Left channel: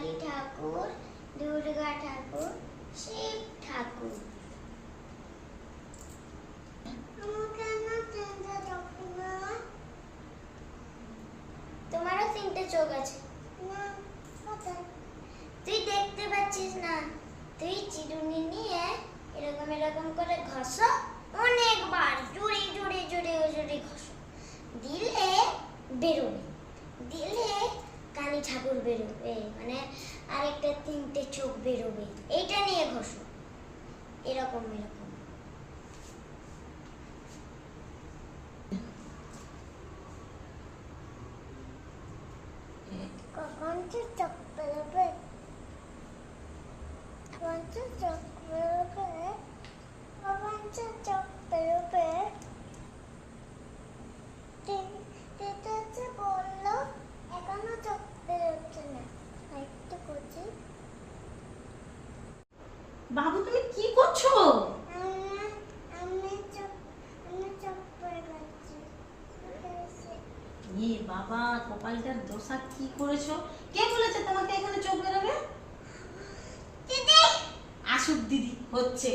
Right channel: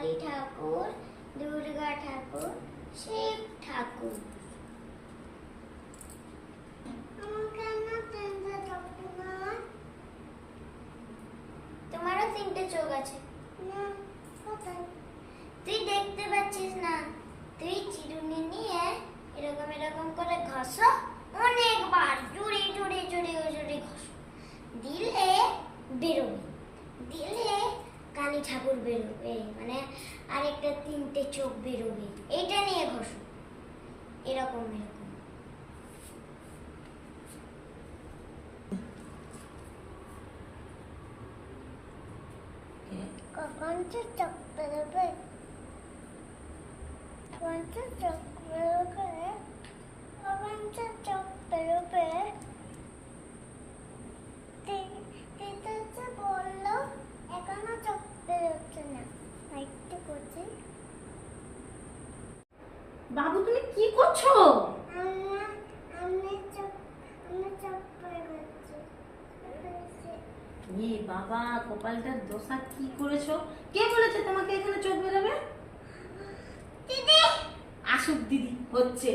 কালী ঠাকুর, দুর্গা ঠাকুর, শিব ঠাকুর। তোমারও তিনটে চোখ আছে। তুই দেখতে পাচ্ছিস না? তুই চিরুনি নিয়ে এরকম এরকম করে ঘষো, অনেকবার জোরে জোরে জোরে জোরে ঘষো, দিলে বেরোবে, দিলে কালী ঠাকুর বেরোবে, মানে আরেকটা তিনটে চোখ বেরোবে। এইটা নিয়ে ঘষো, এরকম এরকম। কখন চোখ বেরোবে? কখন চোখ বেরোবে? কখন চোখ বেরোবে? বললো এখনো চোখ বেরোচ্ছে না। একটু করছি। বাবু তুমি কি করছো? আমি চোখ বেরোচ্ছি। বাবা, কপালটার দশা কি করেছো? কে বলেছে তোমাকে এখানে চোখ বেরোবে? দিদি আসুক দিদি, হচ্ছে।